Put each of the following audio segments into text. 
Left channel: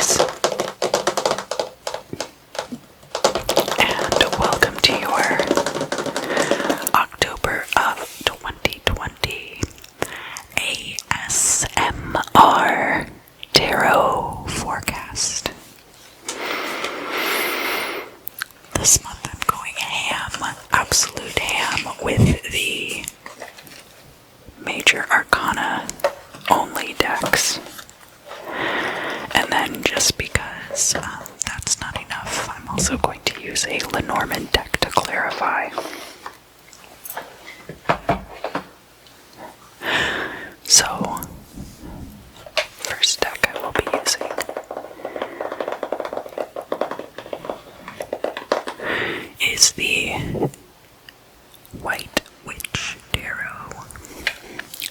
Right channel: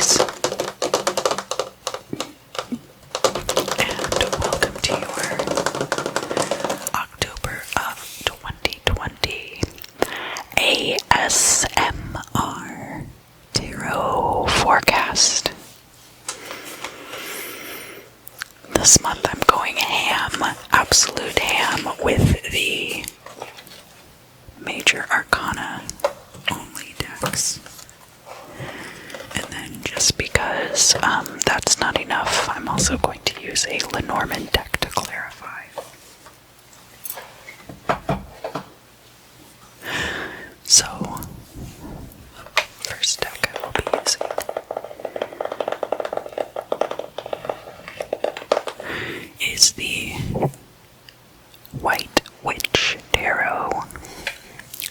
Aries, and welcome to your October of 2020 ASMR Tarot forecast. This month I'm going ham, absolute ham, with the Major Arcana only decks. And then just because that's not enough, I'm also going to use a Lenormand deck to clarify. So, first deck I will be using is the White Witch Tarot.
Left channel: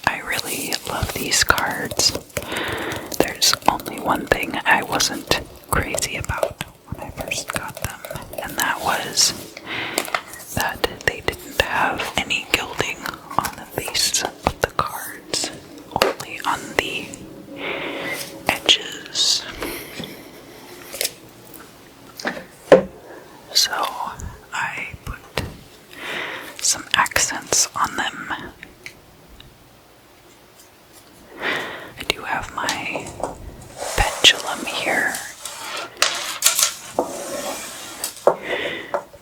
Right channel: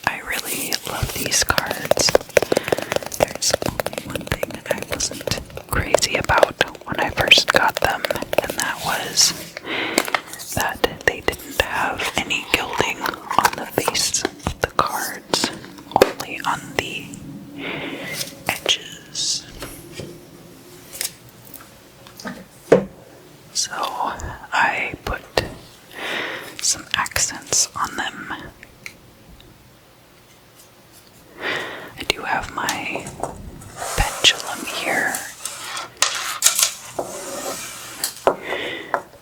I really love these cards. There's only one thing I wasn't crazy about when I first got them, and that was that they didn't have any gilding on the face of the cards, only on the edges. So I put some accents on them. I do have my pendulum here,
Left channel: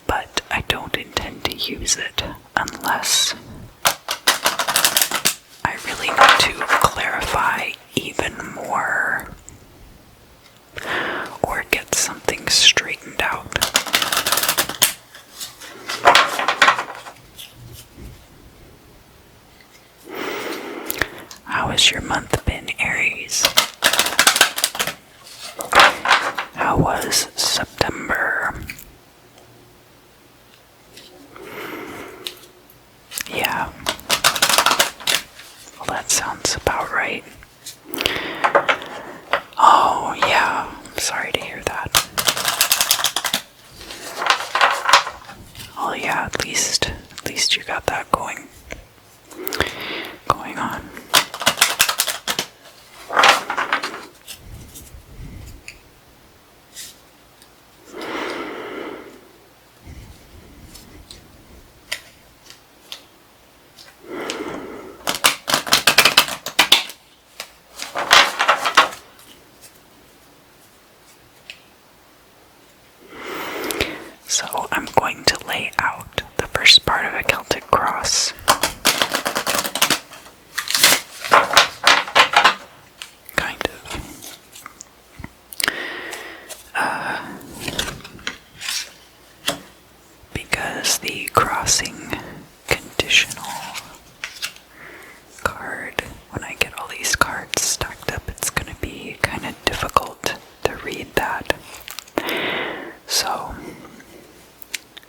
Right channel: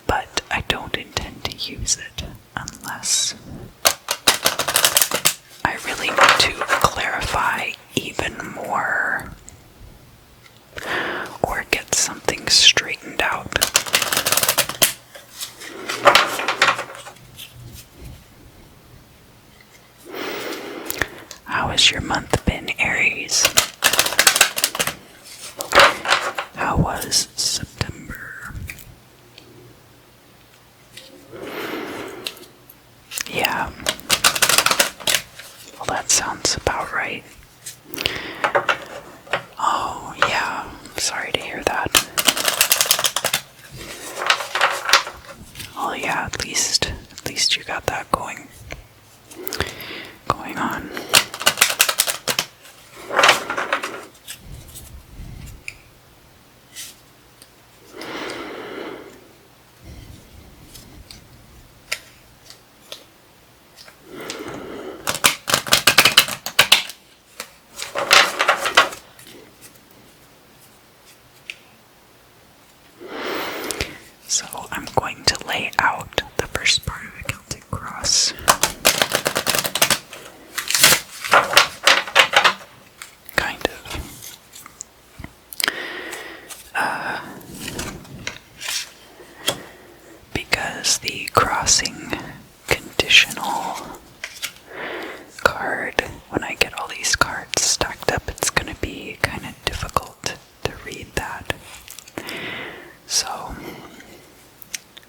but I don't intend to use it unless I really need to clarify even more or get something straightened out. How has your month been, Aries? How was September? Yeah. Well, that sounds about right. Oh, yeah. I'm sorry to hear that. Oh, yeah, at least you got that going on. So I'm going to lay out the first part of a Celtic cross. Kind of. Because the crossing conditional card, when I get all these cards stacked up, it's going to be kind of difficult to read that. So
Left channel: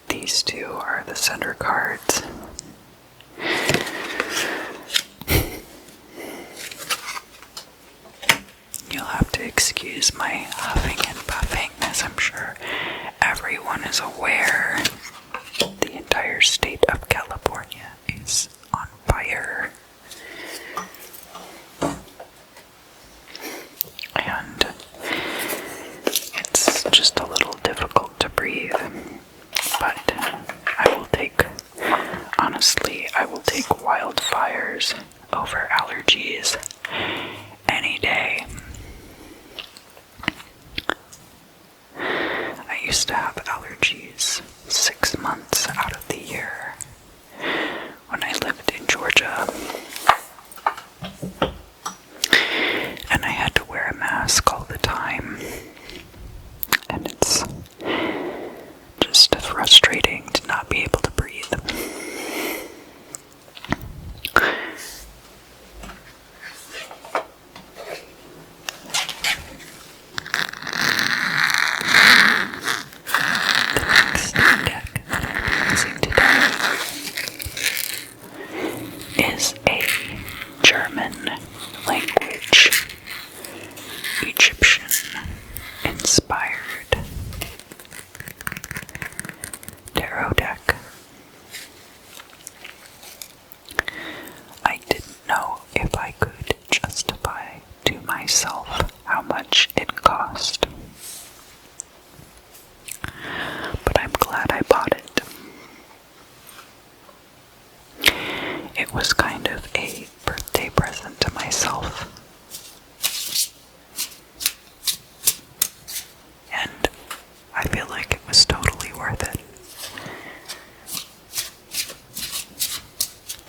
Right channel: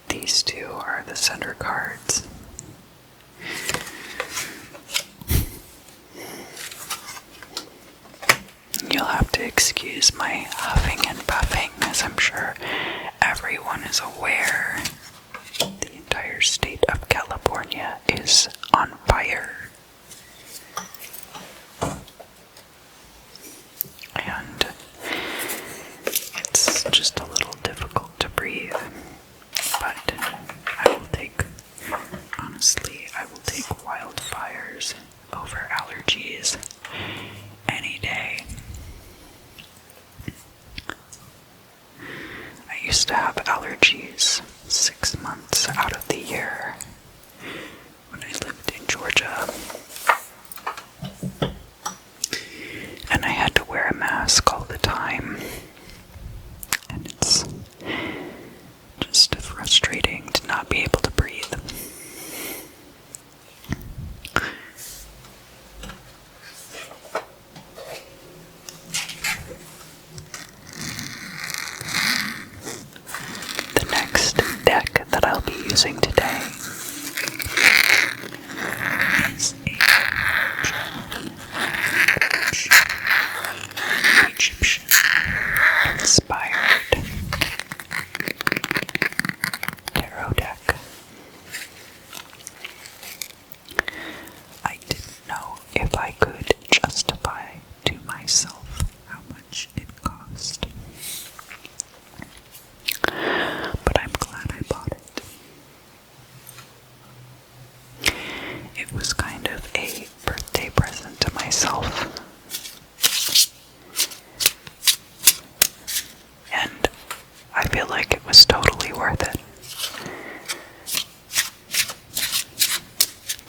these two are the center cards. You'll have to excuse my huffing and puffing, as I'm sure everyone is aware. The entire state of California is on fire. And it's just a little difficult to breathe. But I will take wildfires over allergies any day. I used to have allergies 6 months out of the year when I lived in Georgia. And I had to wear a mask all the time. And it's just frustrating to not be able to breathe. The next deck that I'll be using today is a German language, Egyptian inspired tarot deck. I didn't know if I could justify to myself how much it cost. glad I bought it. It was kind of a birthday present to myself. And I feel like it was totally worth it.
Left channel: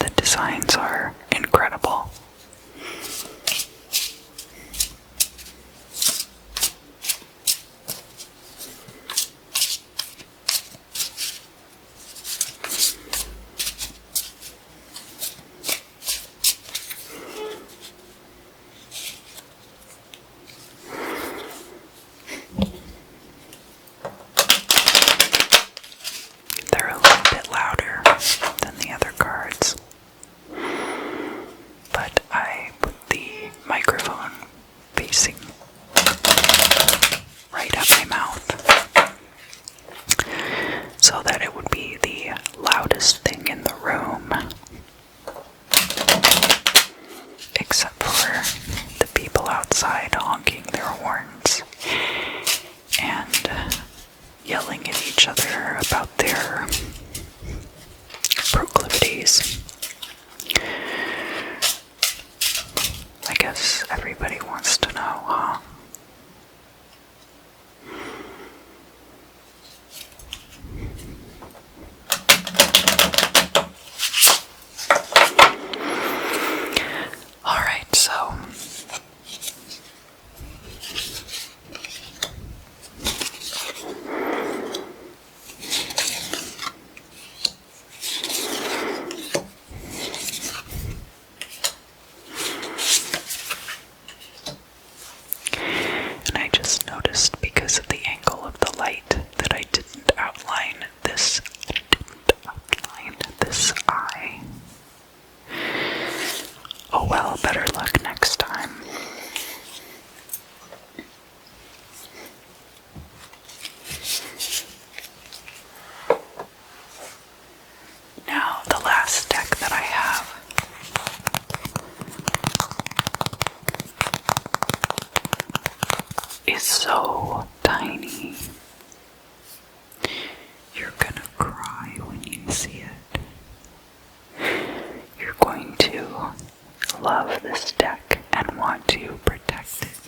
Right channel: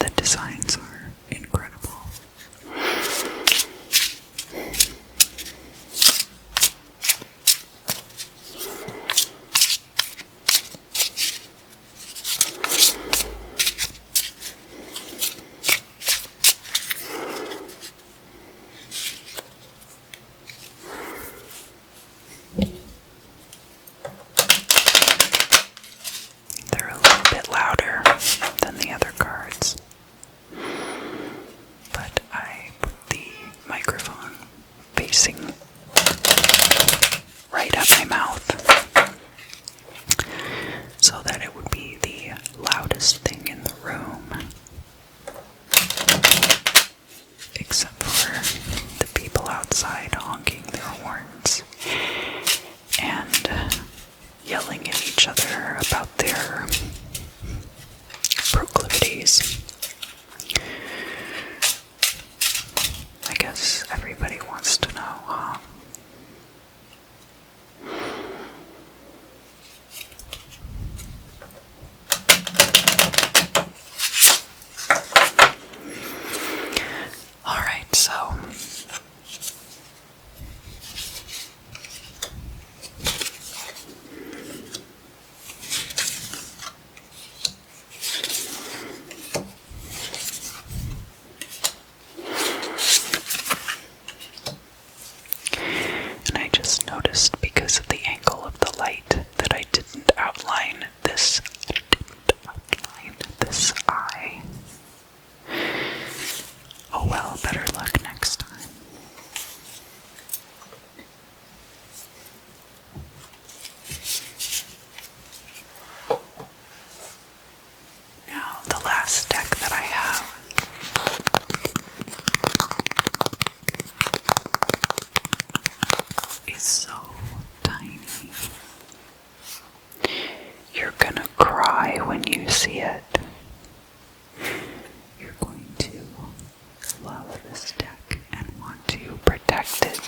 The designs are incredible. They're a little bit louder than the other cards, but I put the microphone facing right at my mouth so that it would be the loudest thing in the room, except for the people outside honking their horns and yelling at each other about their proclivities. I guess everybody wants to know, huh? Alright, so and I just noticed because of the angle of the light that I didn't outline this eye. Oh well, better luck next time. Now, the last deck that I have is so tiny. You're gonna cry when you see it. You're going to love this deck and want to protect it.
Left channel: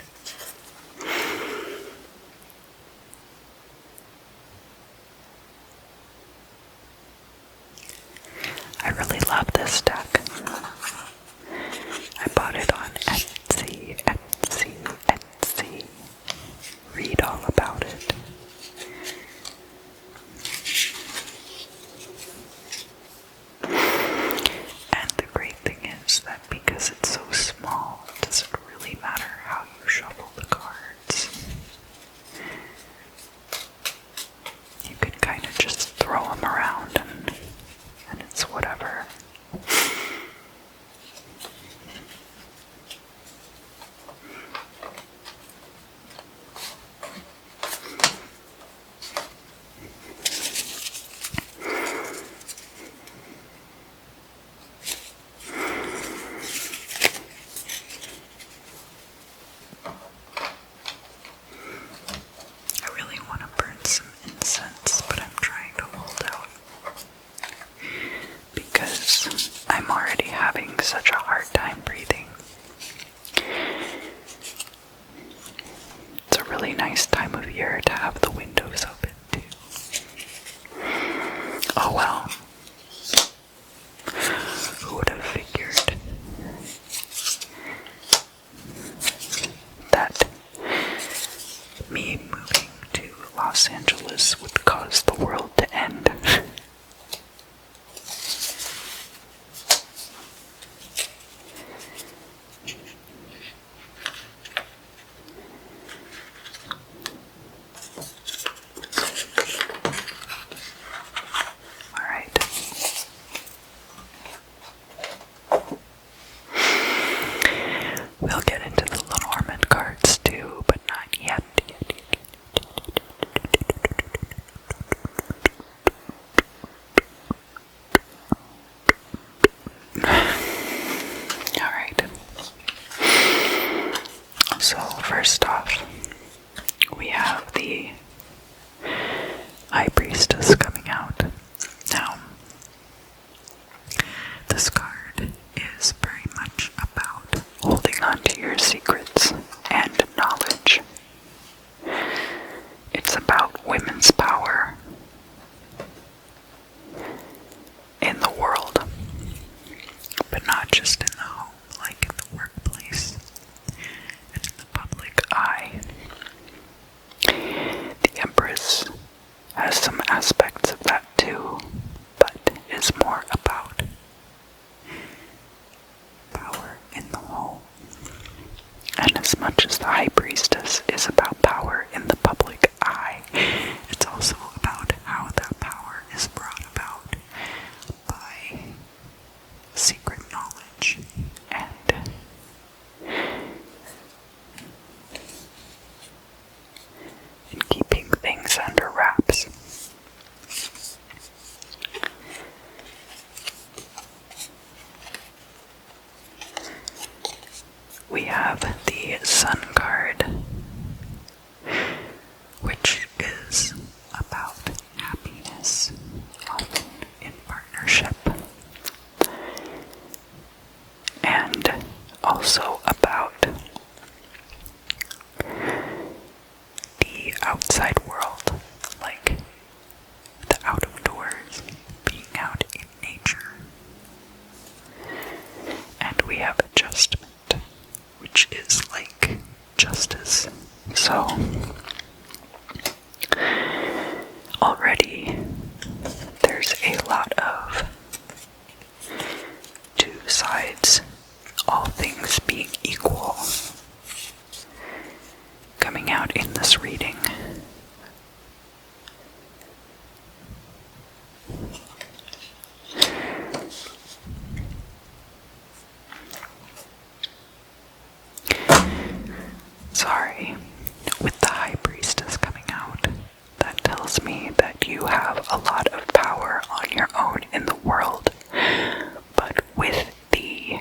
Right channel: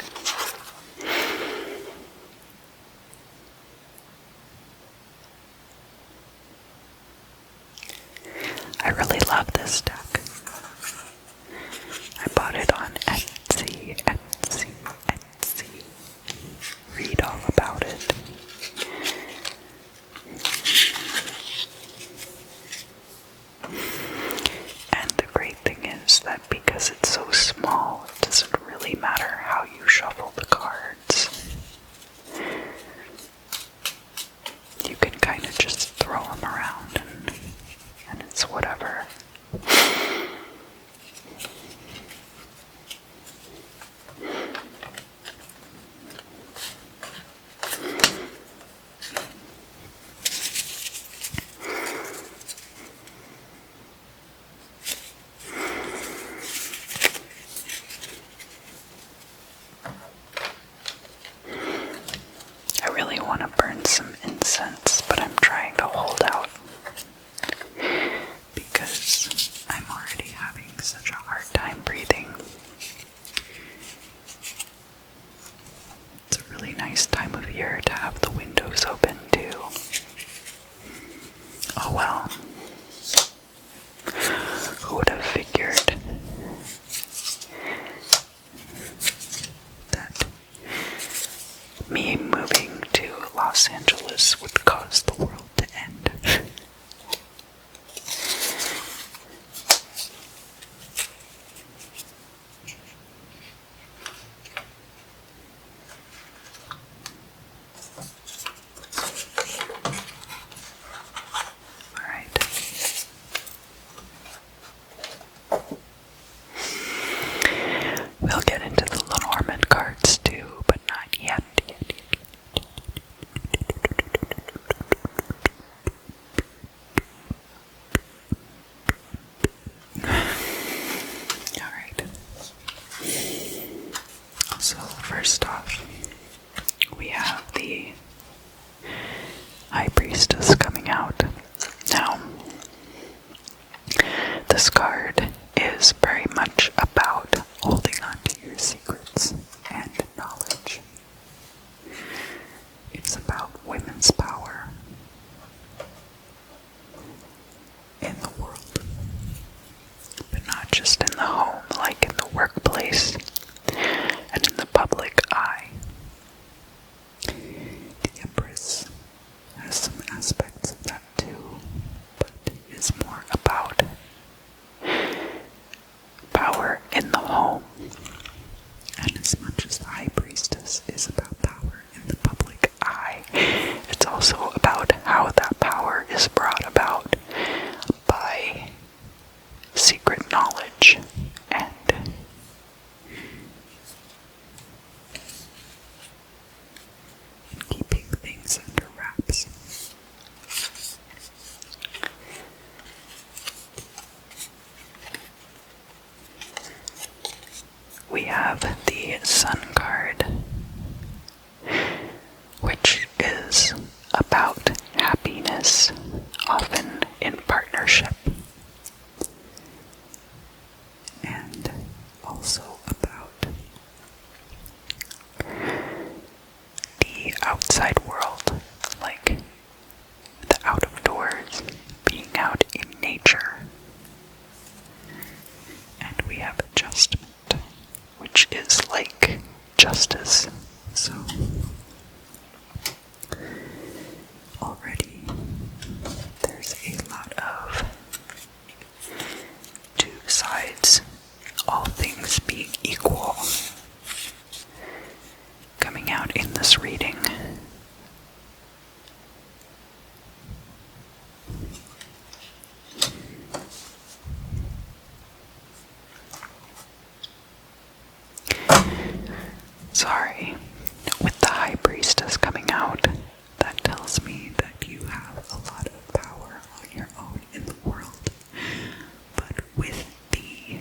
I really love this deck. I bought it on Etsy. Read all about it. And the great thing is that because it's so small, it doesn't really matter how you shuffle the cards. You can kind of just throw them around and it's whatever. I really want to burn some incense, but I'm trying to hold out because I'm already having such a hard time breathing. It's a really nice time of year to have the windows open too. Oh well. Who would have figured that me moving to Los Angeles would cause the world to end? Alright. We'll get into the Lenormand cards too, but not yet. Alright. So, first off, we have the High Priestess coming public eye. The Empress has some aspects of that too, but is more about power in the home. And as much as the High Priestess is about power in the public eye, it's also about how that power is brought about by secret knowledge and keeping things under wraps. We have the Sun card, which is about happiness, often in partnership, and also about the outside world, like the out of doors, being out in nature. And we have adjustment, which is like justice. So already there's a lot of two sides, all things being equal, coming out in this reading. Sorry, with the High Priestess coming out, that tells me that you have a lot of power on your own in the world. But with the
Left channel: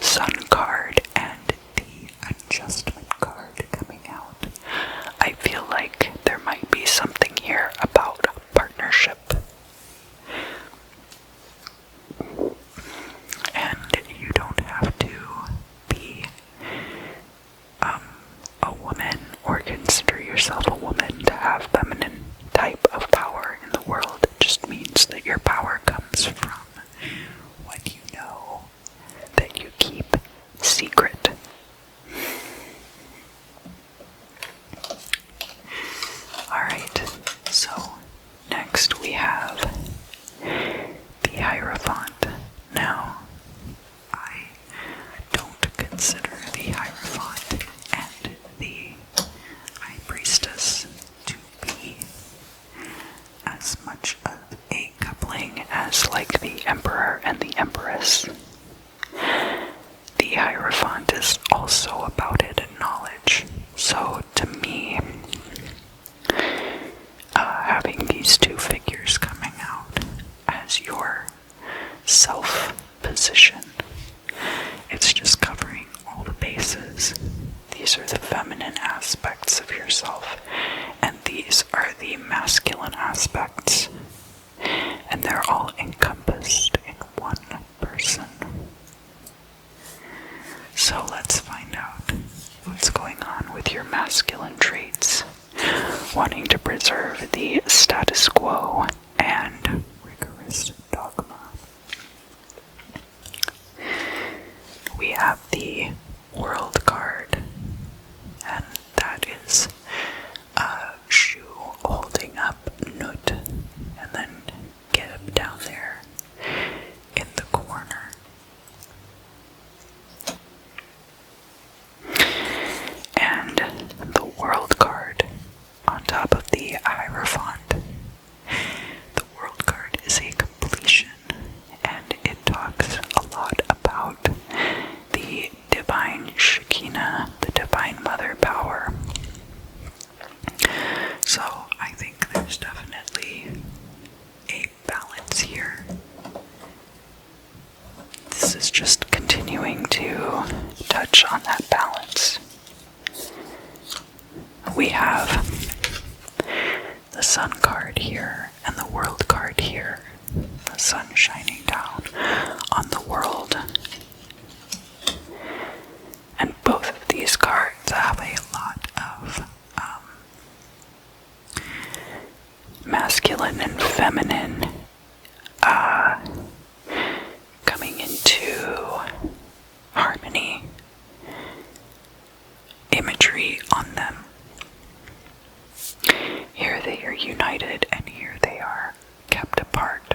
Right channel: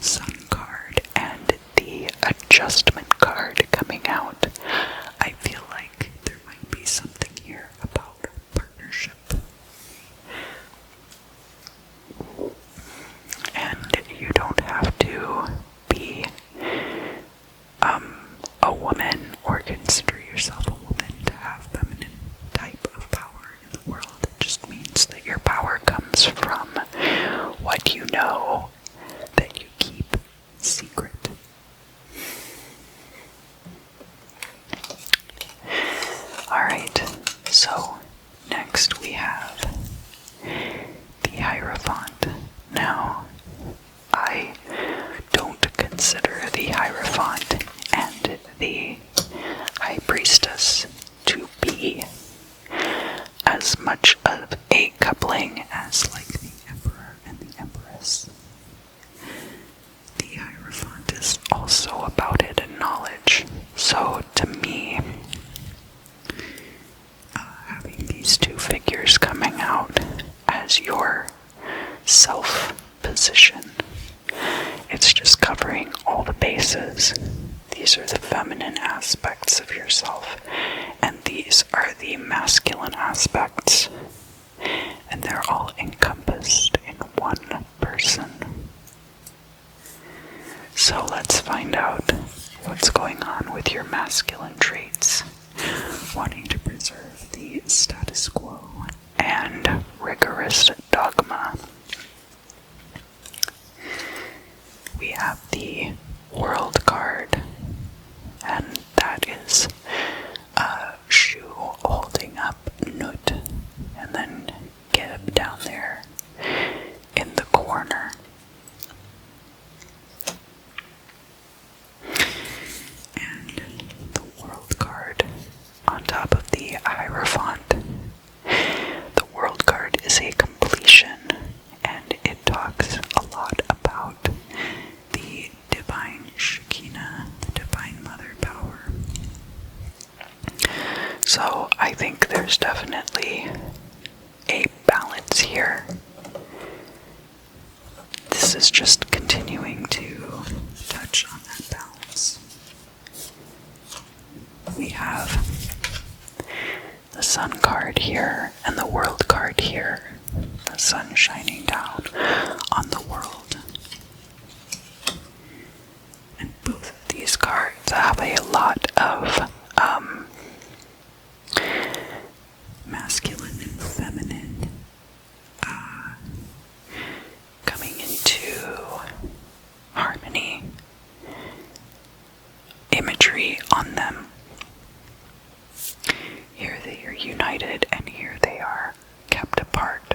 Sun card and the Adjustment card coming out, I feel like there might be something here about partnership. And you don't have to be a woman or consider yourself a woman to have feminine type of power in the world. It just means that your power comes from what you know that you keep secret. Alright, so next we have the Hierophant. Now, I don't consider the Hierophant and the High Priestess to be as much of a coupling as like the Emperor and the Empress. The Hierophant is also about hidden knowledge. So to me, having these two figures coming out as your self-position, it's just covering all the bases. These are the feminine aspects of yourself, and these are the masculine aspects, and they're all encompassed in one person. So let's find out what's going on with your masculine traits, wanting to preserve the status quo and rigorous dogma. We have the World card, and that is a shoe holding up Nut, and then Geb down there in the corner. And the World card on top of the Hierophant. The World card is a completion, and it talks a lot about the divine Shekinah, the divine mother power. So I think there's definitely a balance here. This is just continuing to touch on that balance. We have the Sun card here and the World card here. The sun shining down on the world. And both of these cards have a lot of masculine and feminine coming into harmony. on them. Here they are united, and here they are kept apart.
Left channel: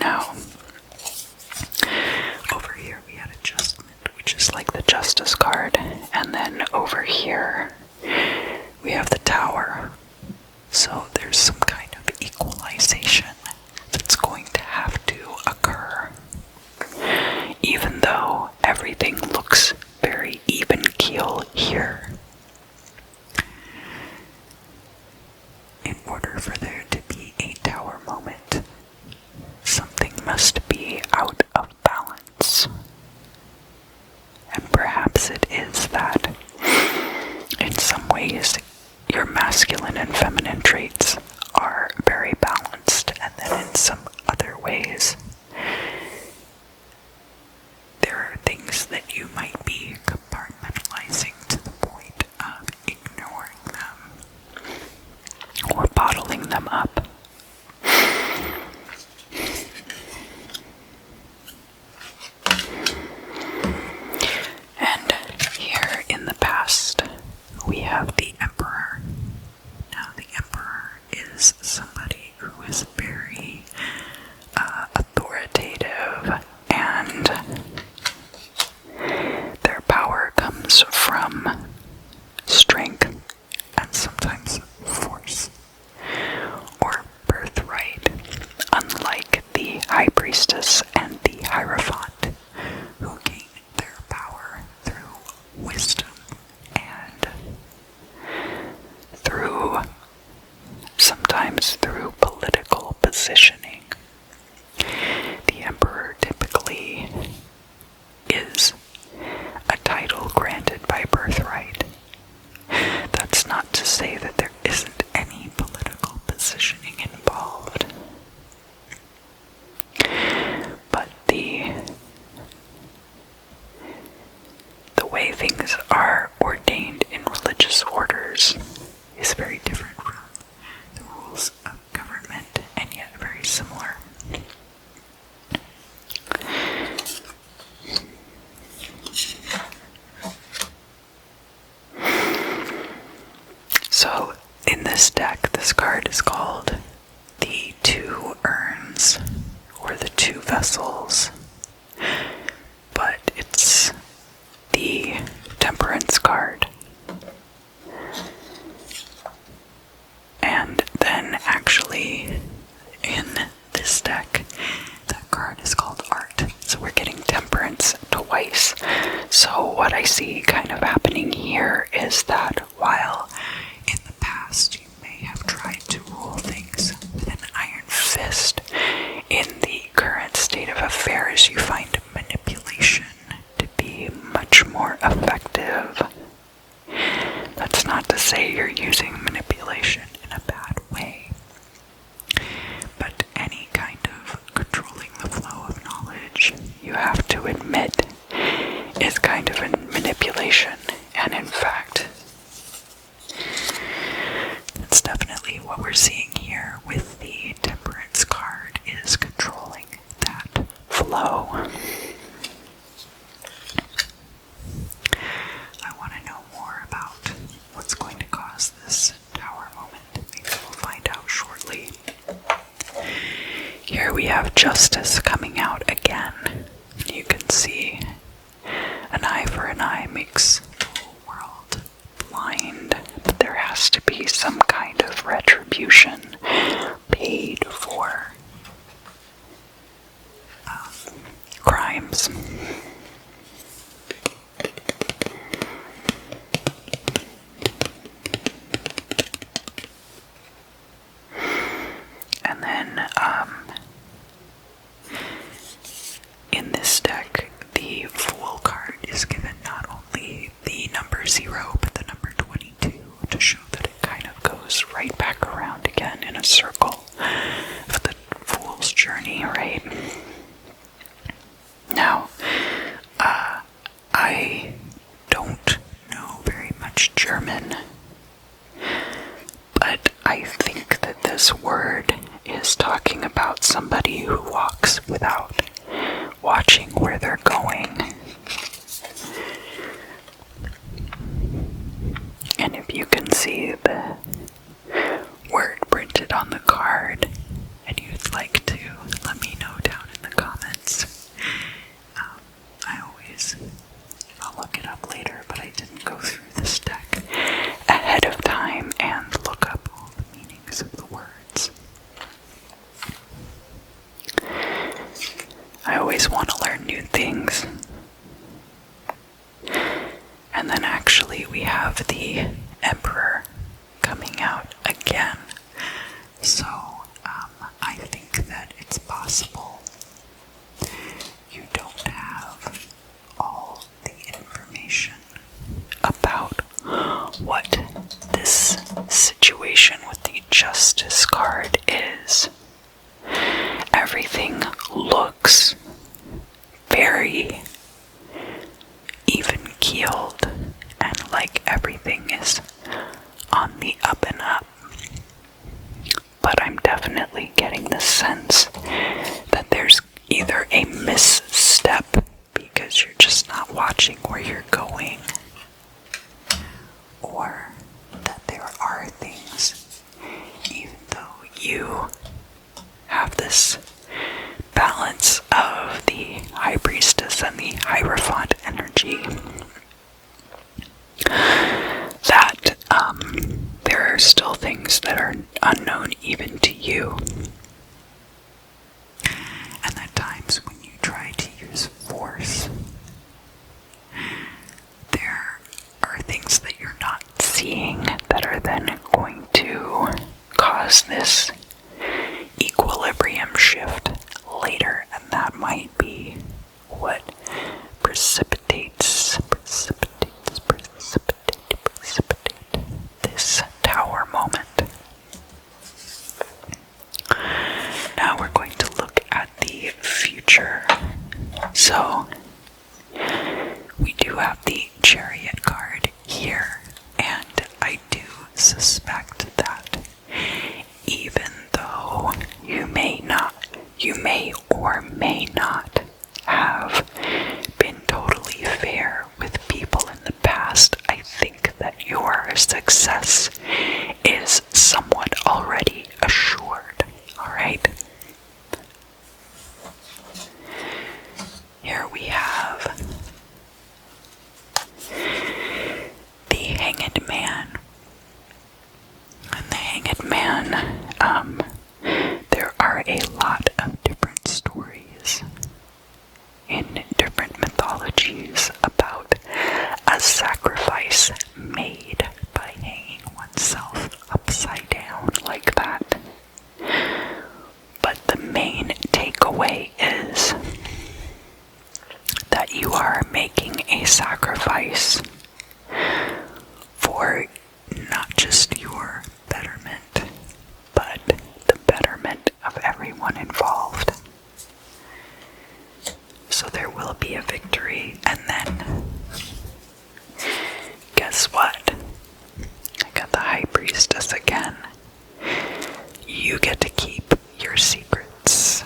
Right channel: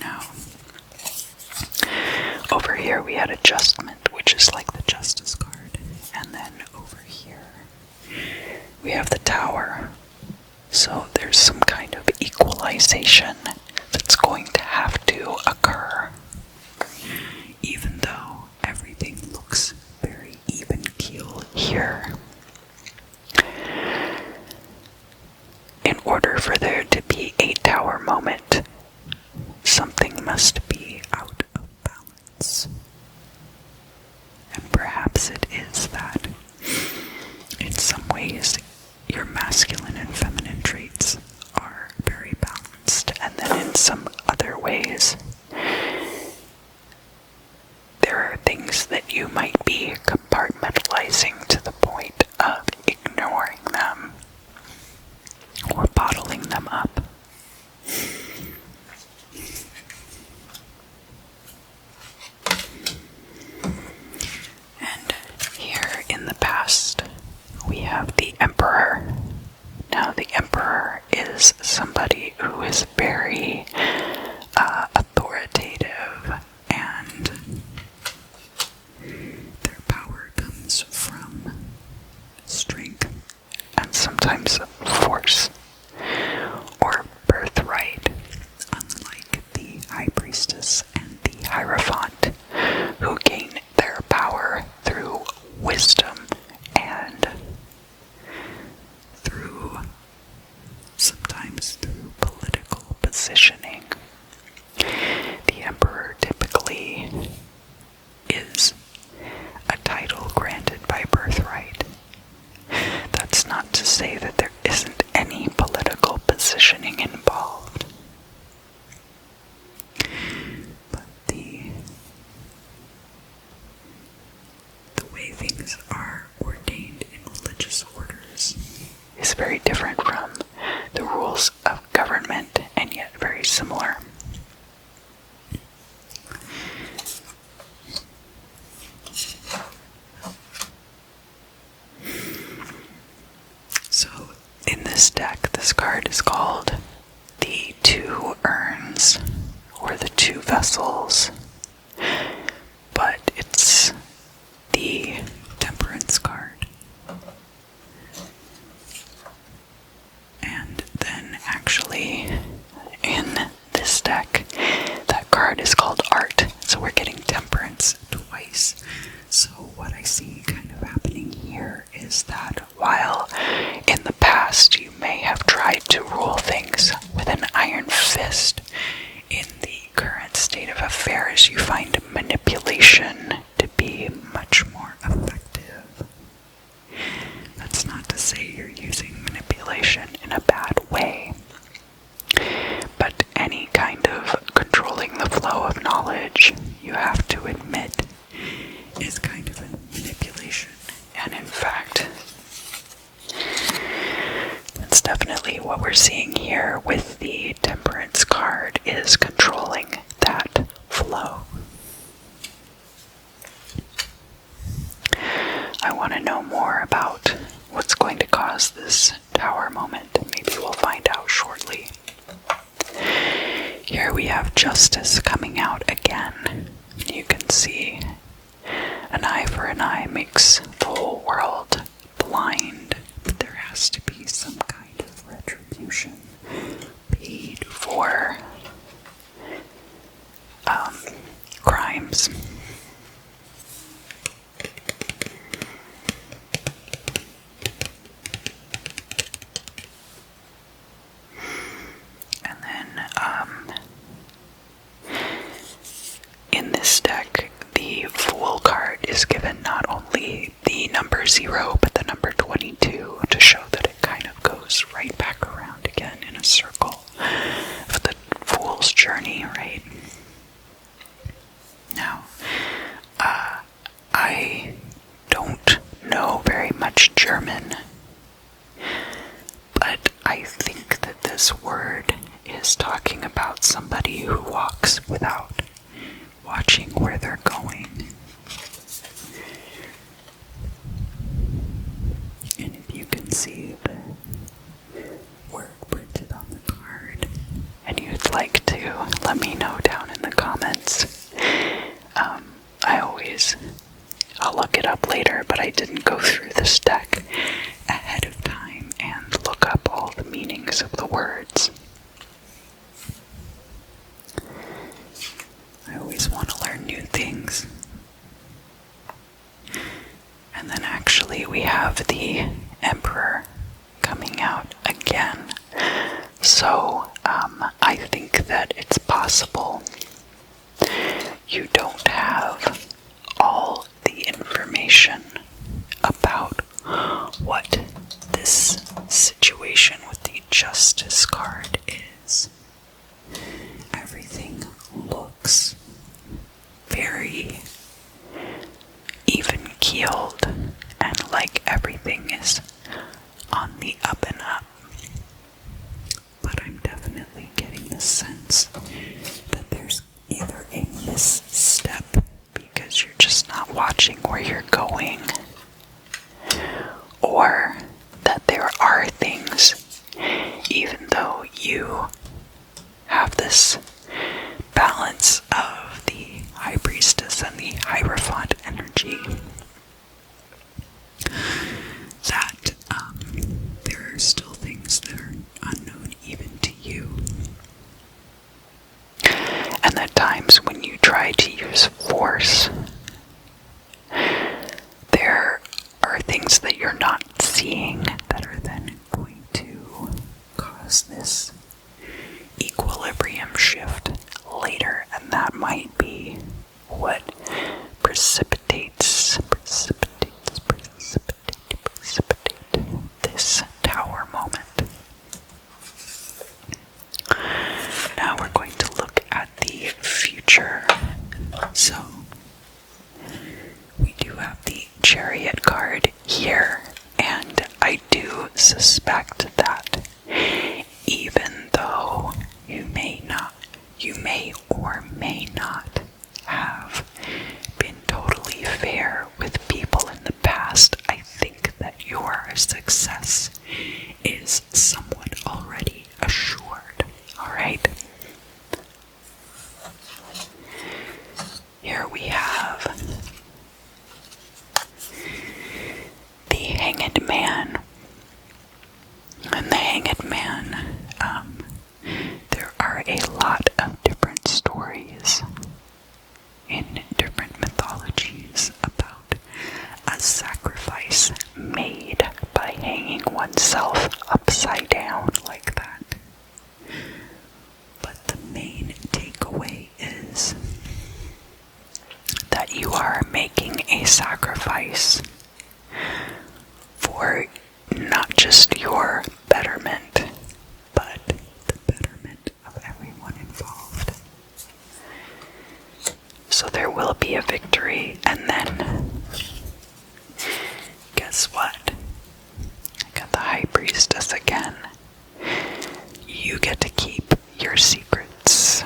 Now, over here we had adjustment, which is like the Justice card, and then over here we have the Tower. So there's some kind of equalization that's going to have to occur, even though everything looks very even keel here. In order for there to be a Tower moment, something must be out of balance. And perhaps it is that, in some ways, your masculine and feminine traits are very balanced, and then in some other ways, there are things that you might be compartmentalizing to the point of ignoring them or bottling them up. And here in the past, we have the Emperor. Now, the Emperor is somebody who is very authoritative, and their power comes from strength and sometimes force or birthright, unlike the High Priestess and the Hierophant, who gain their power through wisdom and sometimes through political positioning. The Emperor typically is a title granted by birthright. That's not to say that there isn't any political positioning involved. But the way things are ordained in religious orders is very different from the rules of government, and yet very similar. So, in this deck, this card is called the Two Urns, or the Two Vessels, but it's the Temperance card. And then actually in this deck, that card is called Art. So we're getting Temperance twice. So what I see kind of happening here is that while in the past you may have tried to rule things with an iron fist, in the current state of affairs you find manipulation to be much more effective. That's not to say you're using manipulation in a bad way, but any kind of controlling the flow of knowledge, you have to admit, is kind of a manipulation. And in fact, that's definitely what we're seeing here with the Temperance card, is controlling that flow. I want to know more about what's going to cause this Tower moment. Maybe we'll find out shortly. Here we have Justice coming out again. You can see an eye for an eye makes the whole world blind, but there has to be some kind of retribution paid for crimes. And then, in this deck, the Fool card is given not only the number 0, but the number 22, to show that it kind of goes right back around again in a circle of the Fool's journey, right? Now, I don't know very much German, but I think that this word is talking about somebody who walks without watching where they're going. I didn't go through this deck ahead of time and look up all the meanings of the words. I always want to learn new things. And then actually we have the Emperor coming out again. So I think that it's possible you don't have all the information about what this situation with the Justice card is. Everything looks very even-keeled and like everything is on the up and up. But I'm definitely getting the sense that there's either a misstep because you're just not watching where you're going, or that there are things, even though you have this balance of the High Priestess and the Hierophant energy, that there are still things that are unknown even to you. And at times when you try to use force, there are things that you're not seeing that are then going to cause this equilibrium shift later, and that might be what precipitates this tower moment. Now we're going to look at the future. So we do have the Chariot card here, and I do suspect that even though you may or may not have been totally fair with people in the past, I think that your success is somewhat already assured. Alright? Here we have the Hanged Man. And the Hanged Man, there are a lot of different stories in different mythologies about a sacrifice made by hanging oneself upside down like that. But the main takeaway is that you are making a sacrifice for not just your betterment, but the betterment of everyone involved. So there will be a victory, and then guess what? I got the High Priestess again. You get to keep your secrets.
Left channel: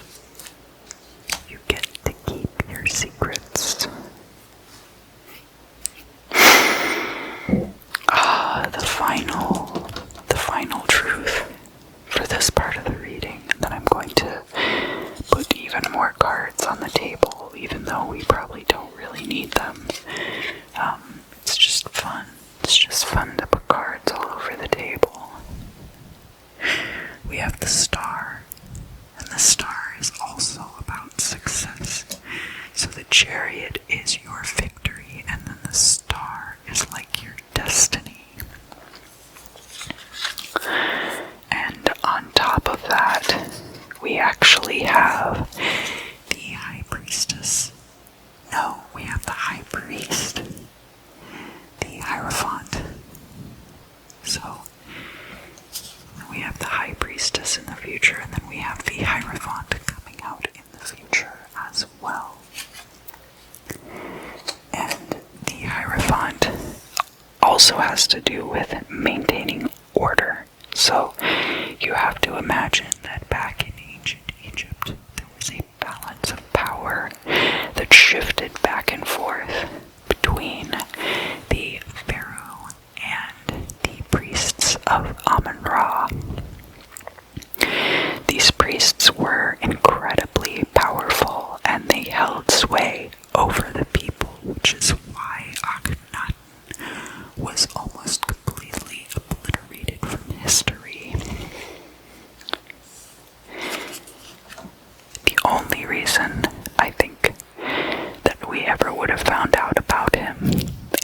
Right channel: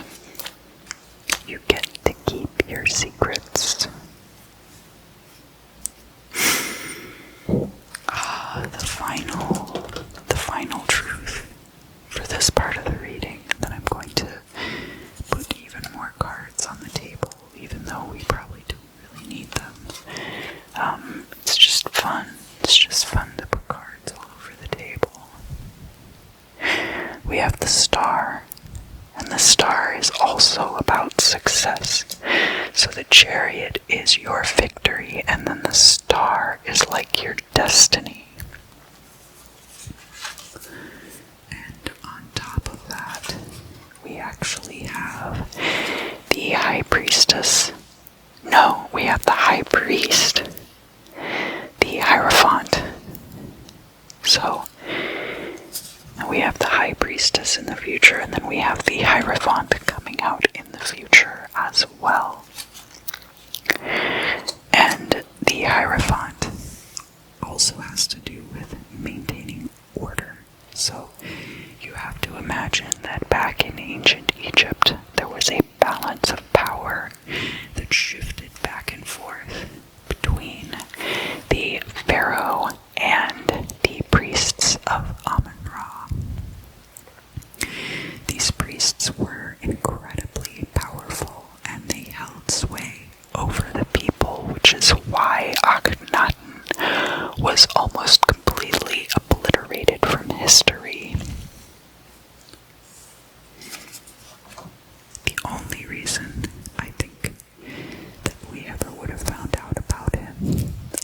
You get to keep your secrets. The final truth for this part of the reading. And then I'm going to put even more cards on the table, even though we probably don't really need them. It's just fun. It's just fun to put cards all over the table. We have the Star, and the Star is also about success. So the Chariot is your victory, and then the Star is like your destiny. And on top of that, we actually have the High Priestess. No, we have the High Priest, the Hierophant. So we have the High Priestess in the future, and then we have the Hierophant coming out in the future as well. And the Hierophant also has to do with maintaining order. So you have to imagine that back in ancient Egypt, there was a balance of power that shifted back and forth between the pharaoh and the priests of Amun-Ra. These priests were incredibly powerful, and they held sway over the people, which is why Akhenaten found out about him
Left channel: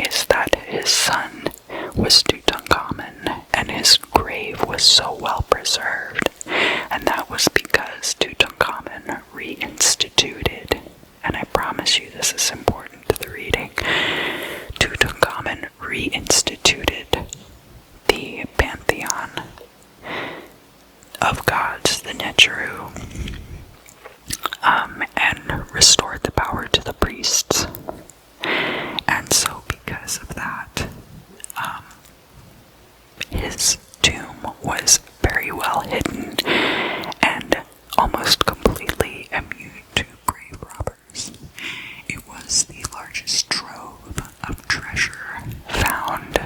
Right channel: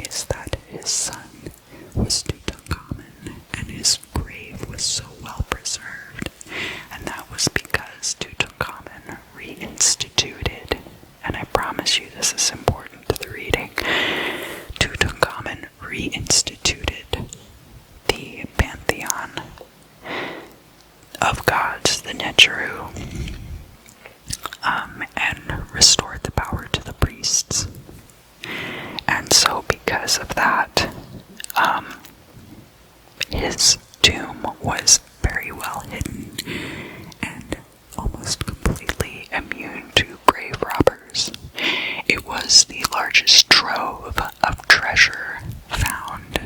is that his son was Tutankhamun, and his grave was so well preserved, and that was because Tutankhamun reinstituted, and I promise you this is important to the reading, Tutankhamun reinstituted the pantheon of gods, the Neteru, and restored the power to the priests. And so because of that, his tomb was very well hidden and almost completely immune to grave robbers. It was the largest trove of treasure found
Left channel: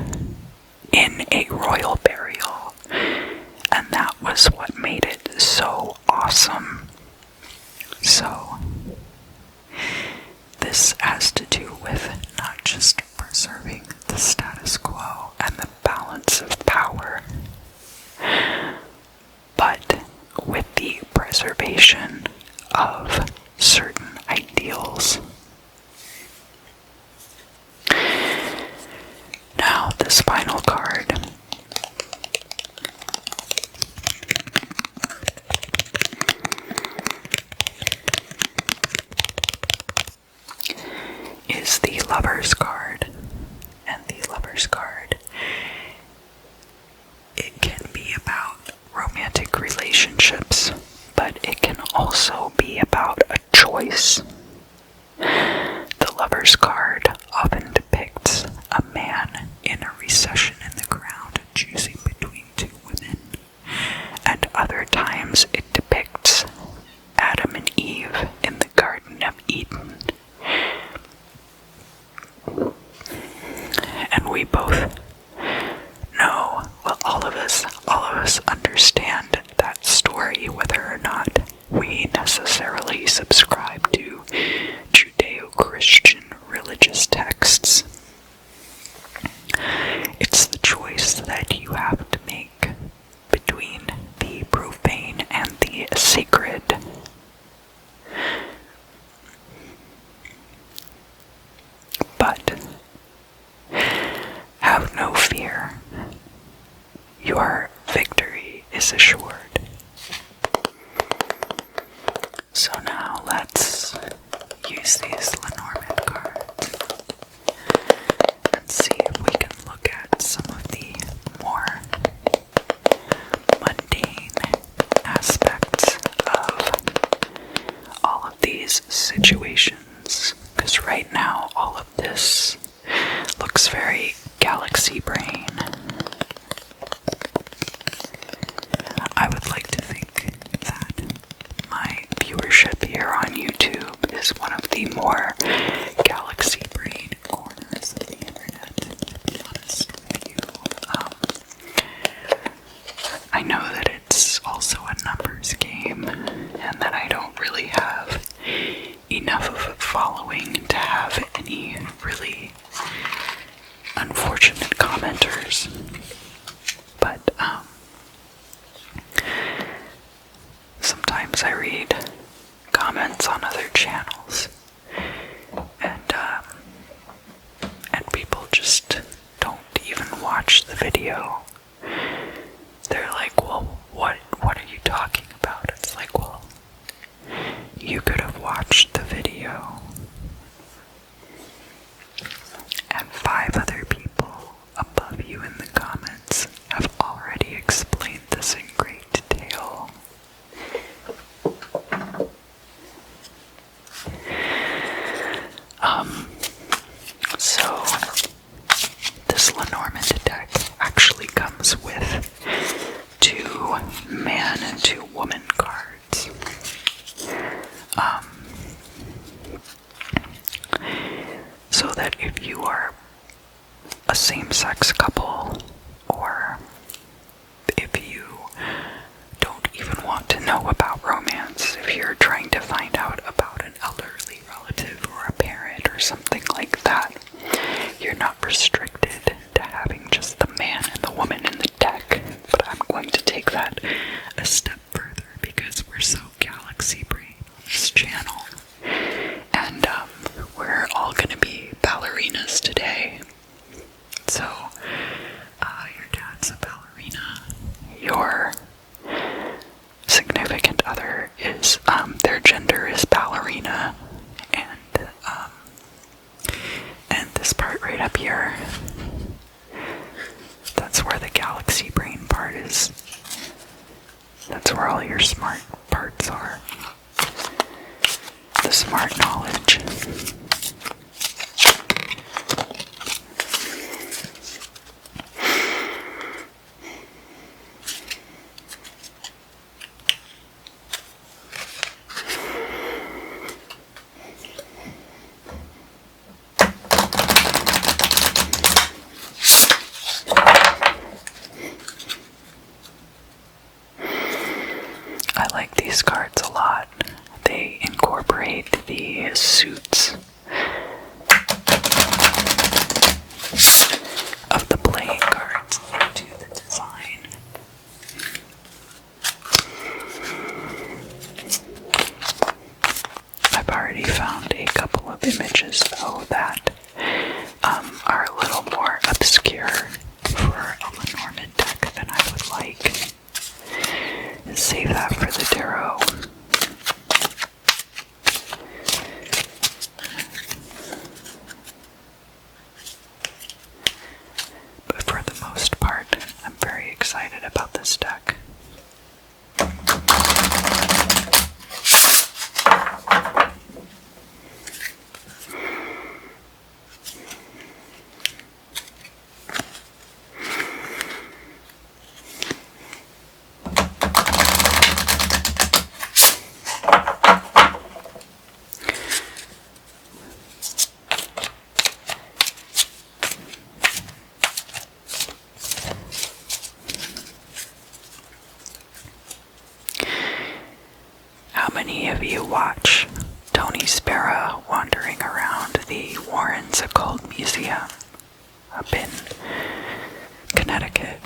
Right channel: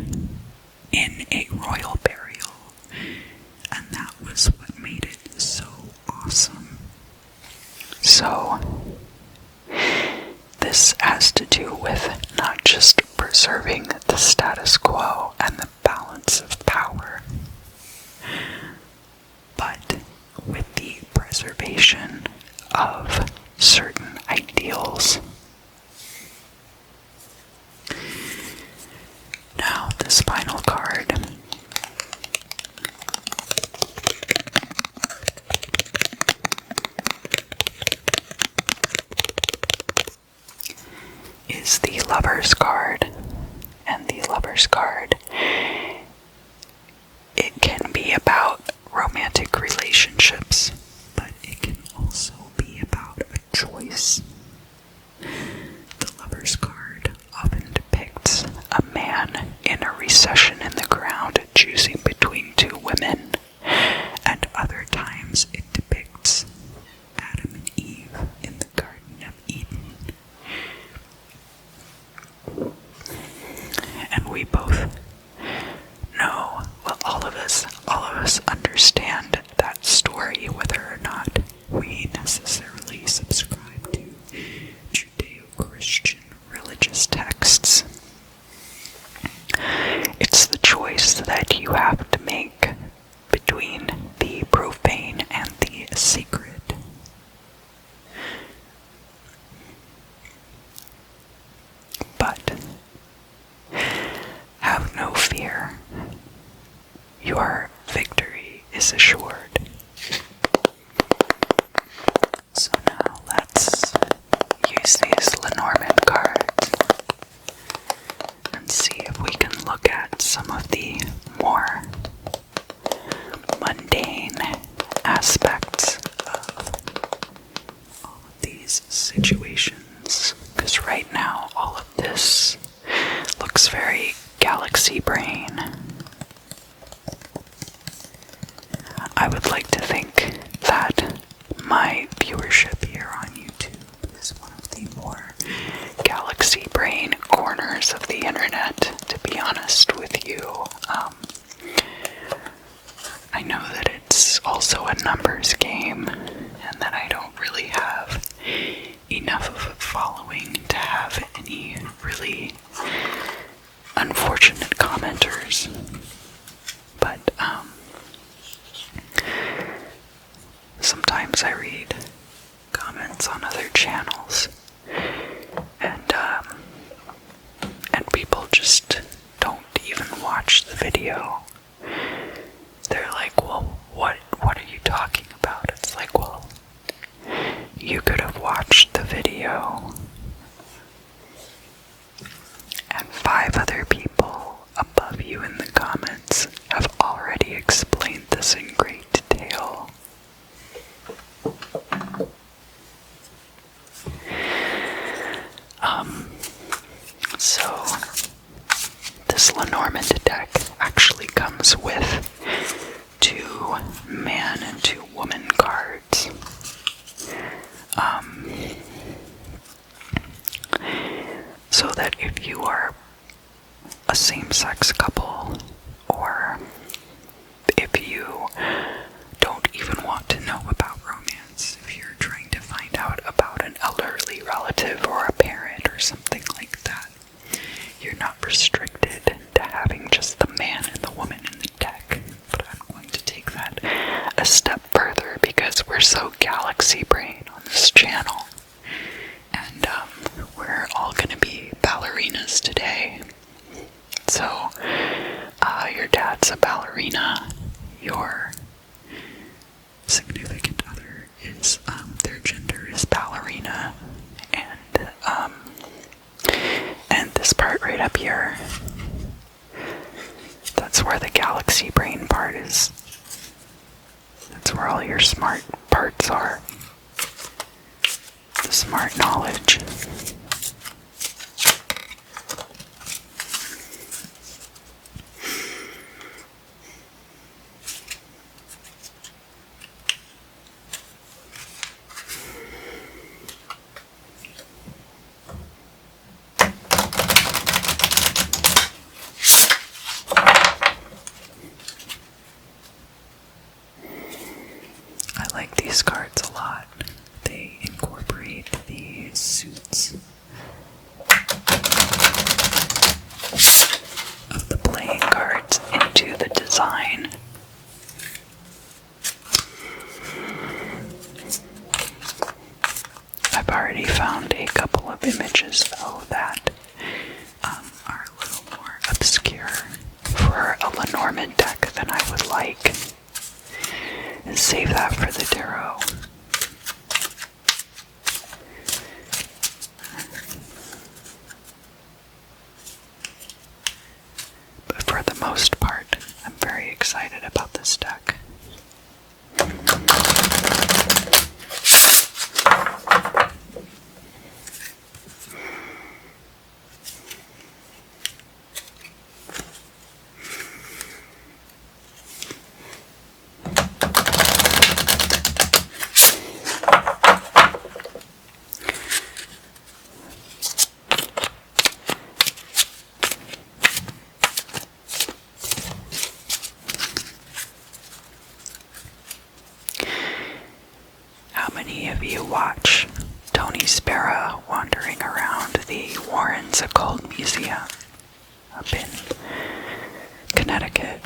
in a royal burial, and that was what made it so awesome. So, this has to do with not just preserving the status quo and the balance of power, but with the preservation of certain ideals. Now, this final card is the Lover's card, and the Lover's card, it can be about romantic relationships, but it can also be about a choice. The Lover's card often depicts a man in a recession in the ground choosing between two women, and other times it depicts Adam and Eve in the Garden of Eden. And we both know, well, all of us understand that story, whether or not we necessarily subscribe to Judeo-Christian religious texts. It's the choice that you have to make between the profane and the sacred. But have no fear. Your victory is assured. So now let's use these Lenormand cards and see if we can look at some of the more mundane aspects of all of these situations. Because right now, all of this looks very galaxy brain. I would like to think that my viewership here on YouTube is one of the more galaxy brain corners of the internet, to be honest with you. I know that it's also a numbers game, and that I don't really have enough of a following to have any really unfortunate commenters. But sometimes I read comments on other channels, and people just don't even watch the video. They're like, well, what are you talking about? It's like, well, you could have watched the video. And 5 other people above you in the comments have already explained this in great detail. So this Lenormand deck actually comes with 2 man and 2 woman cards. So that if you are a same-sex couple, or if you don't even want to know about romance, if you're trying to find out about an elderly relative or a parent or something like that, you're not restricted to having just the man and the woman in the deck. But I'm going to take that a step further because we're so galaxy brain on this channel. And we're all going to be this part right up here, that's where the galaxy brain part is. That's where all your smart parts are. The smart knowledge. I like these cards a lot. They incorporate the suits of the playing cards into the design. I've already found a couple of images, though, that are a little more obscure for a Lenormand deck than I would like. And save that for the tarot. But for the most part, I'm very excited about this deck. How many of you watch Tony Sparrow wandering around the Warren's Occult Museum up in Connecticut?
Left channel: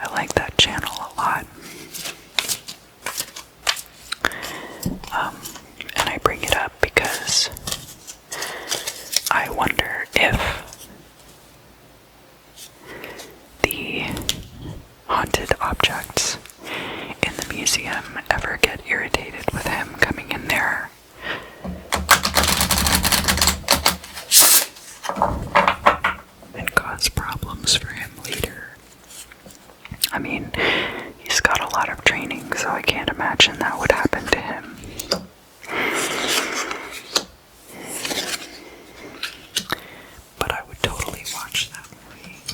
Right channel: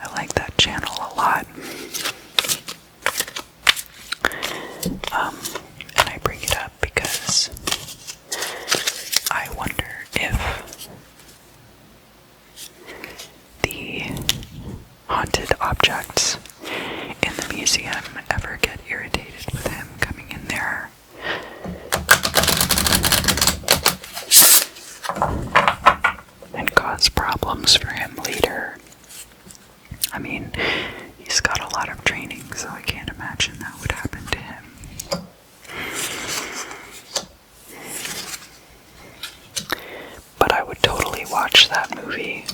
I like that channel a lot. And I bring it up because I wonder if the haunted objects in the museum ever get irritated with him coming in there and cause problems for him later. I mean, he's got a lot of training, so I can't imagine that would happen to him. But I would totally watch that movie.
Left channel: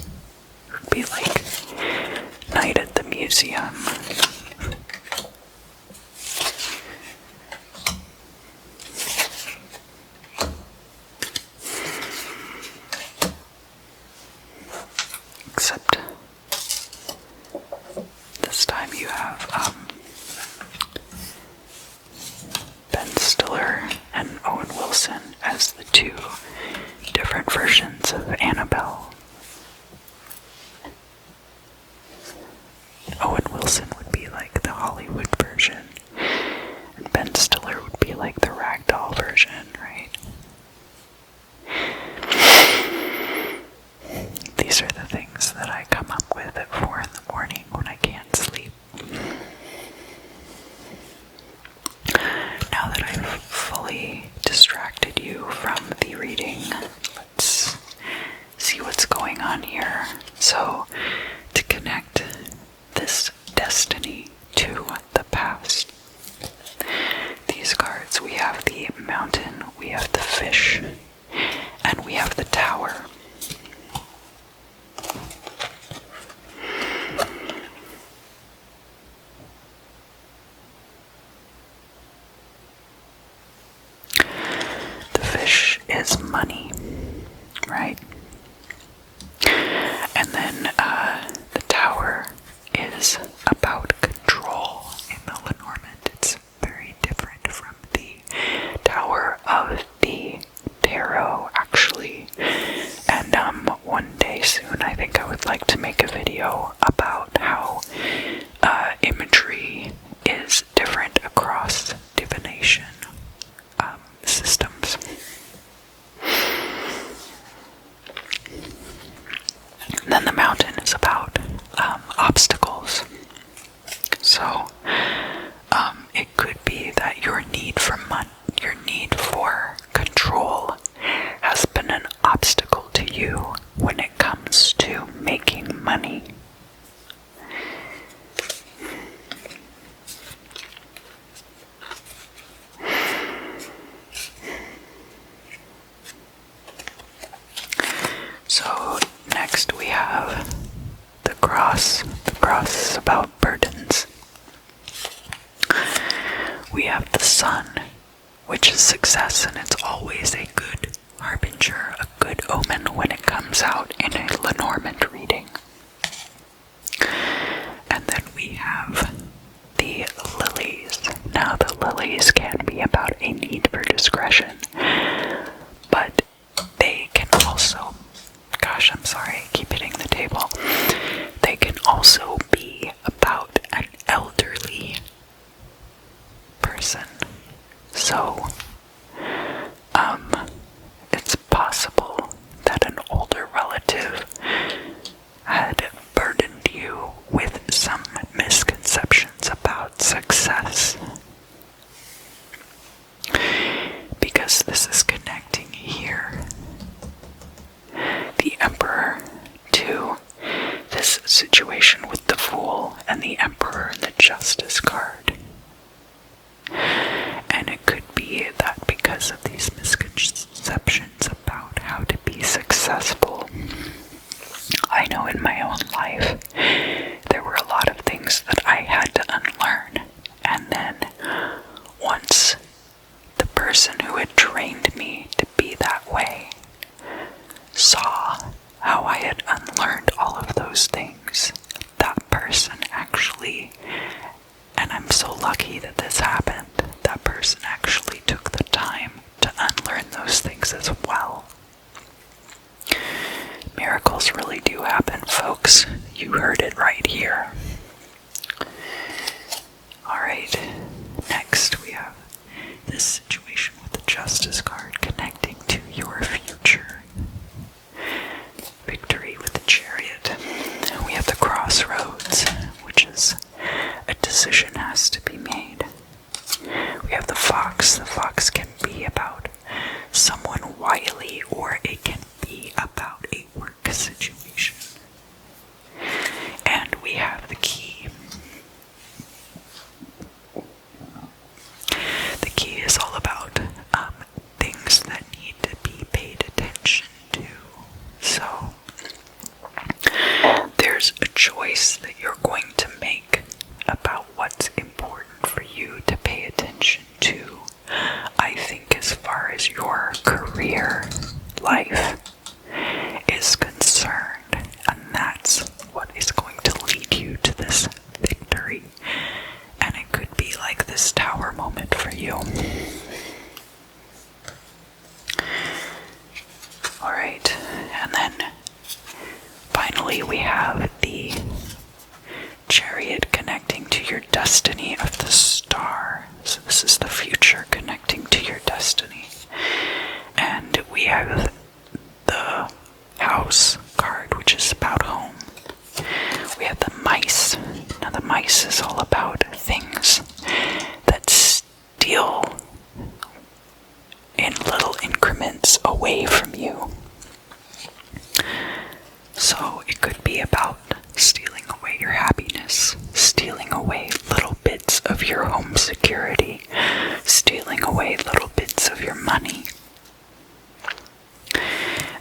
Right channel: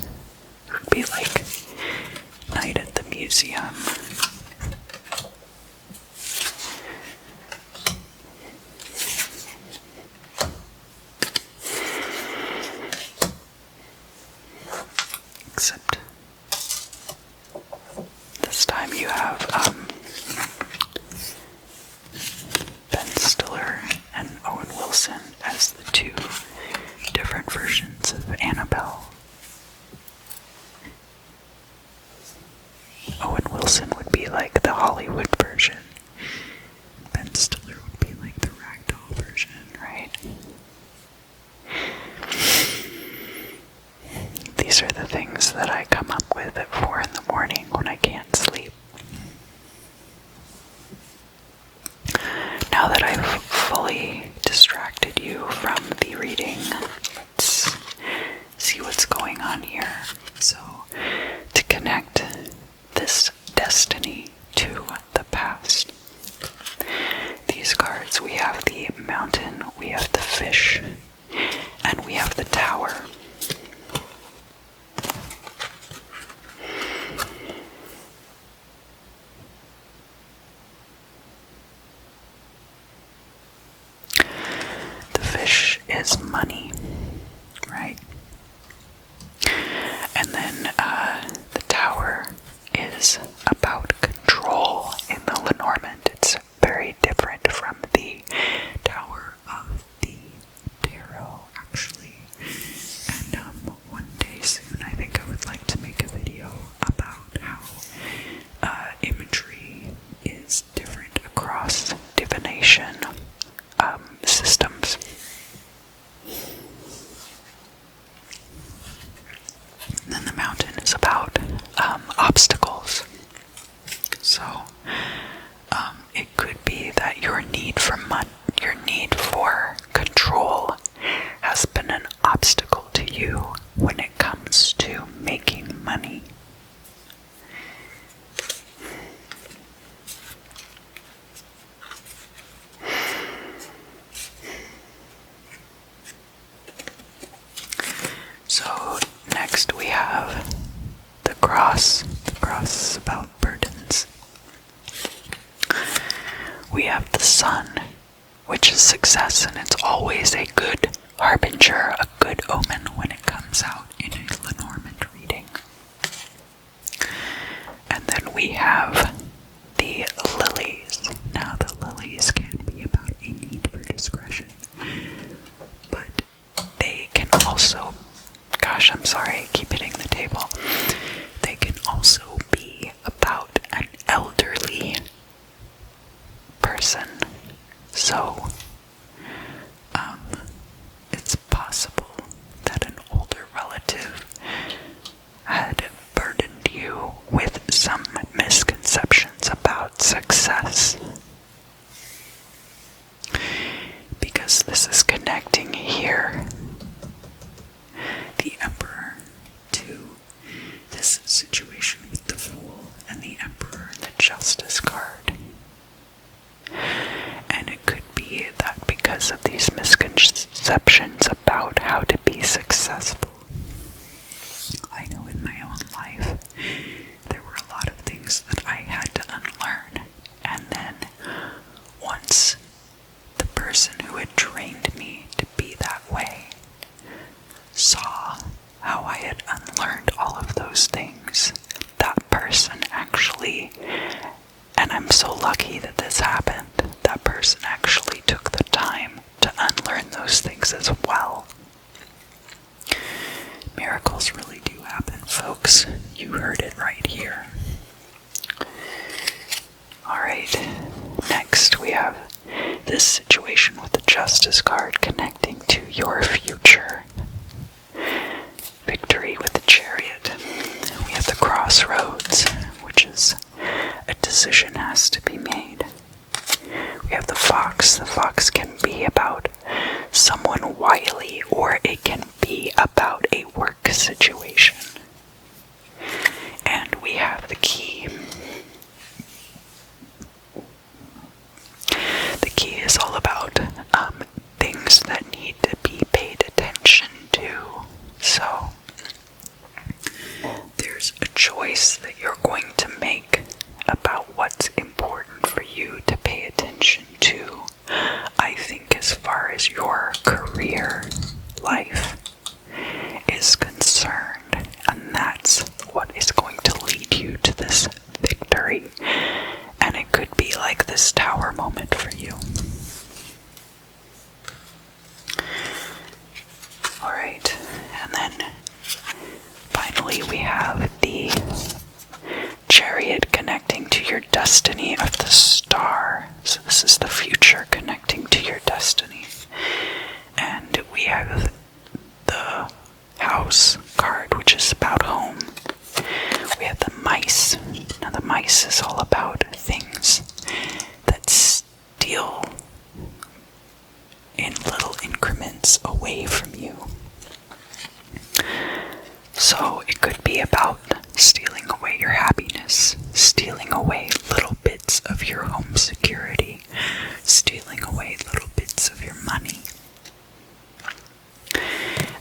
It would be like Night at the Museum. Except this time you have Ben Stiller and Owen Wilson as the two different versions of Annabelle. Owen Wilson would be like the Hollywood version, and Ben Stiller would be like the ragdoll version, right? These are the things that I come up with at 4 in the morning when I can't sleep. Now that I've fully distracted you from the reading, let's see what's going on here. So, to connect this destiny to the past, these cards, we have the mountain, we have the fish, and we have the tower. The fish is money, right? And then the tower is about control in the Lenormand. It's very different from the tower of the tarot, actually. And one day soon, I think I would like to make a video about how imagery is different across divination systems. And then the mountain is about obstacles. So it that your need for control has been an obstacle to you when it comes to making money. So next we have the cross. The cross is about burdens. We have the sun, which is success, and it's always a good harbinger, a good omen when it comes out in a Lenormand reading. And then we have the lilies. Now the lilies can be about a need for discretion, but they can also, gosh, I'm sorry, I keep hitting the table. They can also be about an elderly person. So, it's possible that an older relative had burdened you with some misconceptions about success. Because this is connecting here, the Emperor, to this situation with the Fool and the Emperor and the Justice card. And it could be that because of these misconceptions about how to be successful, I know in my own life there were a lot of things that I had to unlearn. And then once the person who had trained me to be that way saw how I had unlearned all of those things, that person actually, and I'm so lucky that this happened, that person actually took the time to unlearn those things as well. Miracles really do happen, folks. You heard it right here. Alright, next we have this situation with the Justice card connecting to your future. Victory with the Chariot. We have the Crossroads, which is a decision has to be made. We have the Fox. The Fox can be about someone wily, or it can be about a work situation. And we have the Key. The Key is all about things that need to be paid attention to. So there's a choice that you're going to make about what's important for you to pay attention to. I think as far as your career life is concerned, and that's what is going to lead you to this victory. And it could be like this tower moment for you. Alright, and then finally we have the Chariot connecting to your destiny of the Star. So this is the future connecting to your destiny. And we have the House card, which is about home. We have the Mice. Now the Mice is all about things that steal in little increments away from you. So it could be about stealing away your happiness, stealing away little bits of your home security, stealing away little bits of your money.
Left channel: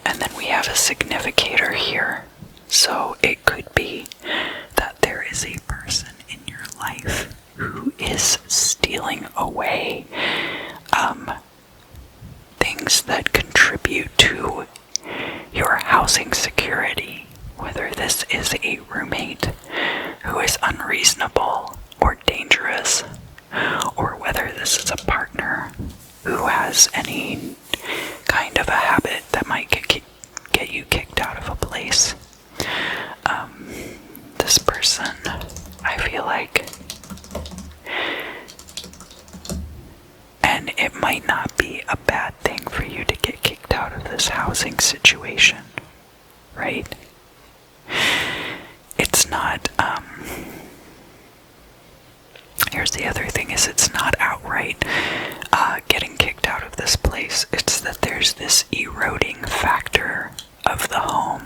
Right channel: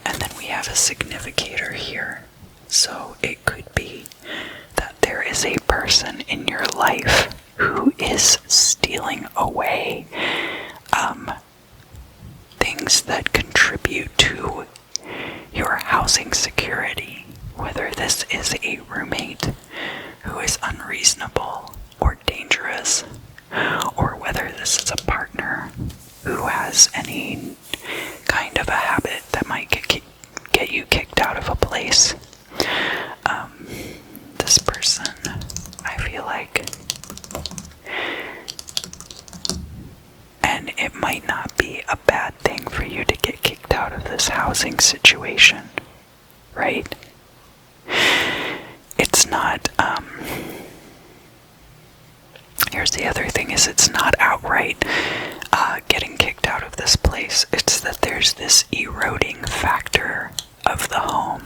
And then we have a significator here. So it could be that there is a person in your life who is stealing away things that contribute to your housing security, whether this is a roommate who is unreasonable or dangerous, or whether this is a partner who has any kind of a habit that might get you kicked out of a place. This person, I feel like, and it might not be a bad thing for you to get kicked out of this housing situation, right? It's not, here's the other thing, is it's not outright getting kicked out of this place. It's that there's this eroding factor of the home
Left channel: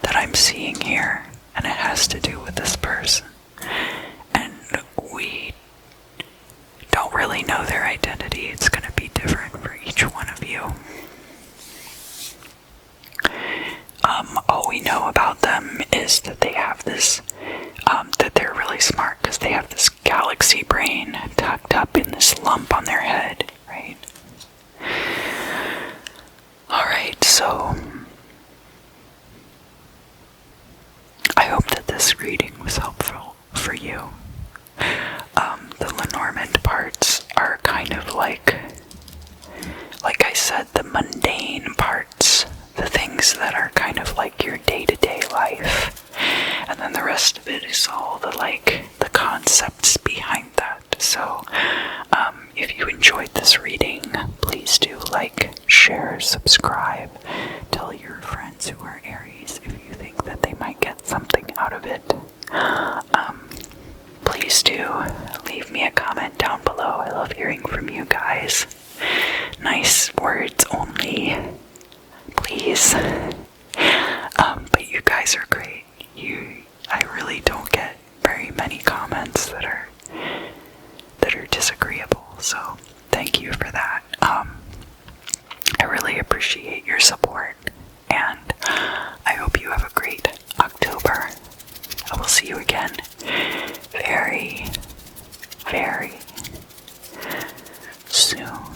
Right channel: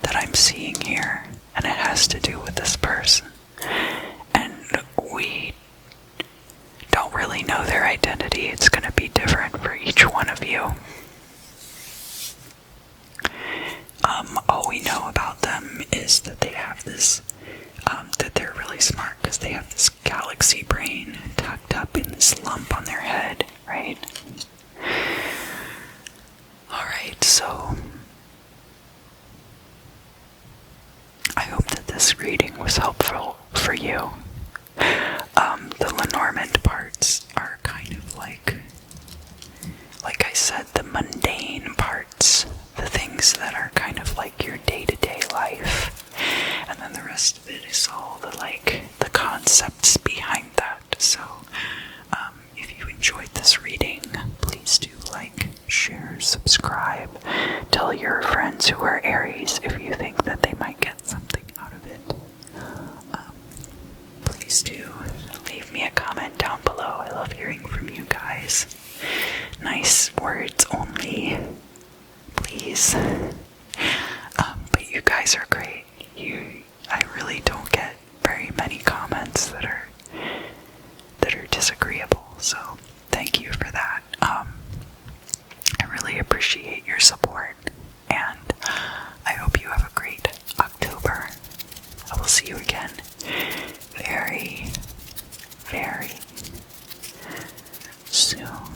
that I'm seeing here, and it has to do with this person. And we don't really know their identity. It's going to be different for each one of you. All we know about them is that they have this, that they're really smart because they have this galaxy brain tucked up in this lump on their head, right? Alright, so I hope that this reading was helpful for you. The Lenormand parts are kind of like I said, the mundane parts, the things that are kind of like your day-to-day life, and then the rest of it is all the concepts behind that. So if you enjoyed this reading, please do like, share, subscribe, tell your friends who are Aries if you think that they might get something out of it. Please do leave me a comment down below. I love hearing from you guys. Nice words only, please. But you guys are great. I really don't get very many comments that are disagreeable, so thank you for that. I really appreciate your support, and I hope you have a great October. I will see you again very, very soon.